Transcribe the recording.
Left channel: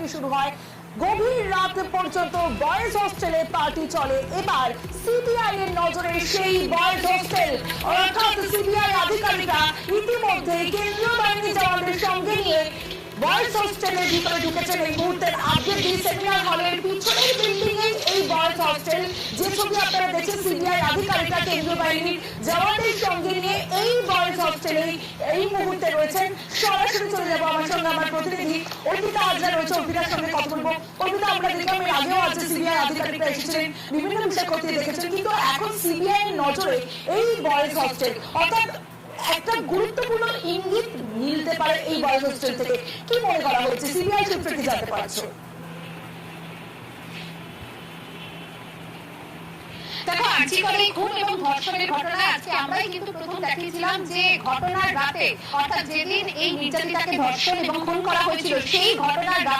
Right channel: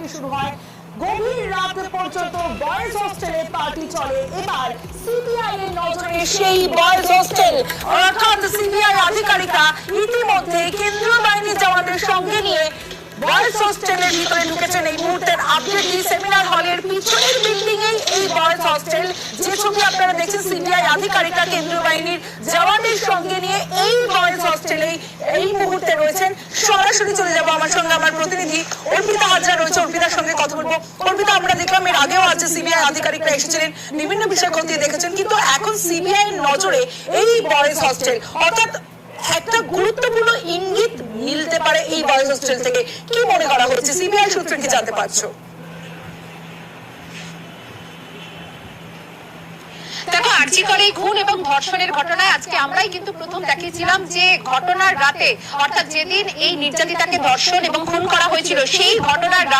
Party শুরু হয়। গভীর রাত পর্যন্ত বয়েজ হোস্টেলে পার্টি চলে। এবার সিবিআই এর নজরে সেই বয়েজ হোস্টেল, অর্থাৎ সিবিআই আধিকারিকরা ইতিমধ্যে কেন্দ্রীয় বাহিনী জওয়ানদের সঙ্গে নিয়ে বয়েজ হোস্টেলের ভিতরে ঢুকেছেন। এই মুহূর্তের আপডেট, এই সেমিনার হলের পিছনের বিল্ডিং এ এই বয়েজ হোস্টেল, যে ছবি আপনারা দেখছেন সিবিআই আধিকারিকরা কেন্দ্রীয় বাহিনীর জওয়ানদের সঙ্গে নিয়ে এই বয়েজ হোস্টেলে এই মুহূর্তে রয়েছেন। সরাসরি চলে যাবো আমার সঙ্গে আমার প্রতিনিধি অর্পিতা হাজরা রয়েছে, অর্পিতার সঙ্গে কথা বলবো। অর্পিতা, আমরা দেখলাম এর আগেও আছে সিবিআই আধিকারিকরা এসেছিলেন, বিভিন্ন বিষয় খতিয়ে দেখেছেন, কিন্তু এখন সিবিআই এর নজরে এই বয়েজ হোস্টেল, অর্থাৎ একটা গুরুত্বপূর্ণ ইঙ্গিত মিলতে পারে এই বয়েজ হোস্টেল থেকে। কি মনে করা হচ্ছে, সিবিআই সূত্রে কি জানতে পারছো? দেখো, আর্জিকরে খুন এবং ধর্ষণের ঘটনায় আজকে আমরাই কিন্তু প্রথম দেখিয়েছিলাম যে ঘটনার রাতে, অর্থাৎ যেদিন এই নির্যাতিতাকে ধর্ষণ এবং খুন করা হয়েছিল, সেই ঘটনার রাতে